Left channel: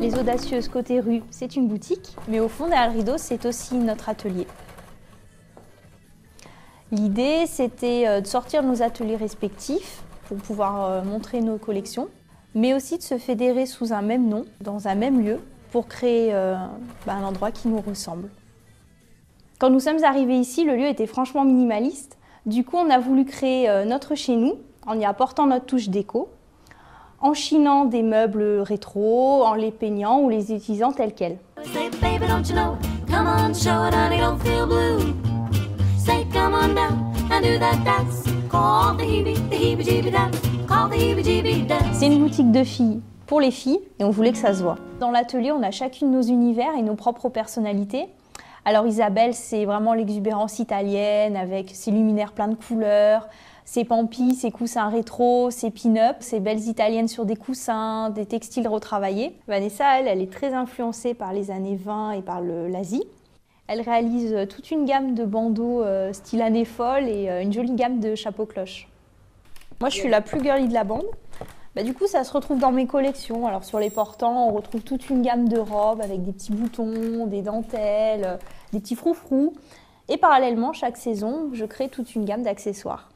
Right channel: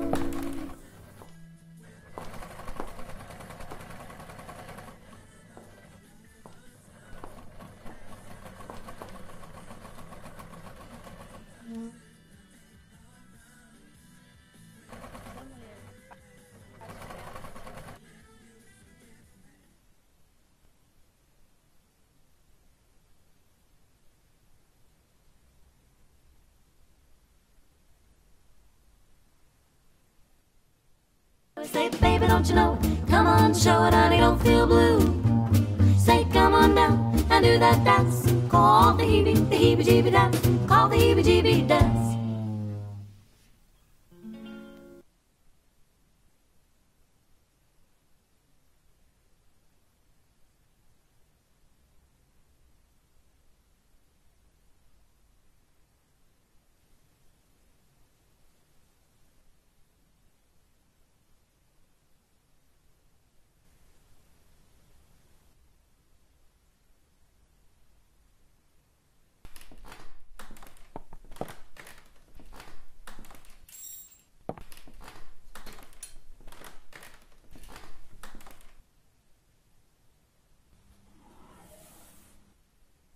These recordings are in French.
Les Audacieuses côté rue, c'est une boutique, mais au fond derrière le rideau, c'est aussi notre atelier. L'idée, c'était de sortir de nos ateliers respectifs pour pouvoir montrer nos collections, mais aussi de se fédérer sous un même nom, dans un même lieu, pour créer un endroit qui nous ressemble. Quand nous sommes arrivés ici, le lieu était franchement minimaliste. Du coup, on a voulu créer notre chez nous, en y apportant notre touche déco, en chinant des meubles rétro, en les peignant ou les utilisant tels quels. C'est une boutique de filles pour les filles et on voulait que ça se voit. Dans l'atelier, on a chacune nos univers et nos propres personnalités. Alors Isabelle, c'est vraiment l'exubérance italienne avec ses luminaires pleins de couleurs, ses pampis, ses coussins rétro, ses pin-up, ses belles italiennes sur des coussins, des textiles retravaillés. Vanessa, elle est très influencée par les années 20 et par l'Asie. Elle réalise toute une gamme de bandeaux style année folle et une jolie gamme de chapeaux cloches. Moi, je suis la plus girly de la bande. Du coup, ça se retrouve dans mes collections. Alors, sur les portants, on retrouve toute une gamme de robes avec des petits boutons, des dentelles, des petits froufrous. Et parallèlement, chaque saison, je crée toute une gamme d'accessoires.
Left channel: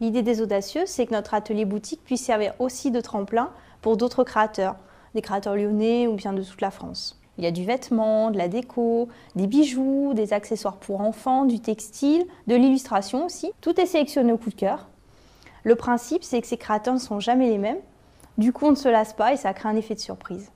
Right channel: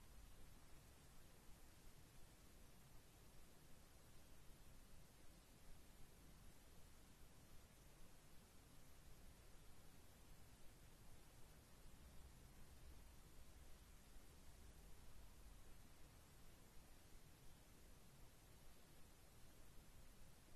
L'idée des Audacieux, c'est que notre atelier boutique puisse servir aussi de tremplin pour d'autres créateurs, des créateurs lyonnais ou bien de toute la France. Il y a du vêtement, de la déco, des bijoux, des accessoires pour enfants, du textile, de l'illustration aussi. Tout est sélectionné au coup de cœur. Le principe, c'est que ces créateurs ne sont jamais les mêmes. Du coup, on ne se lasse pas et ça crée un effet de surprise.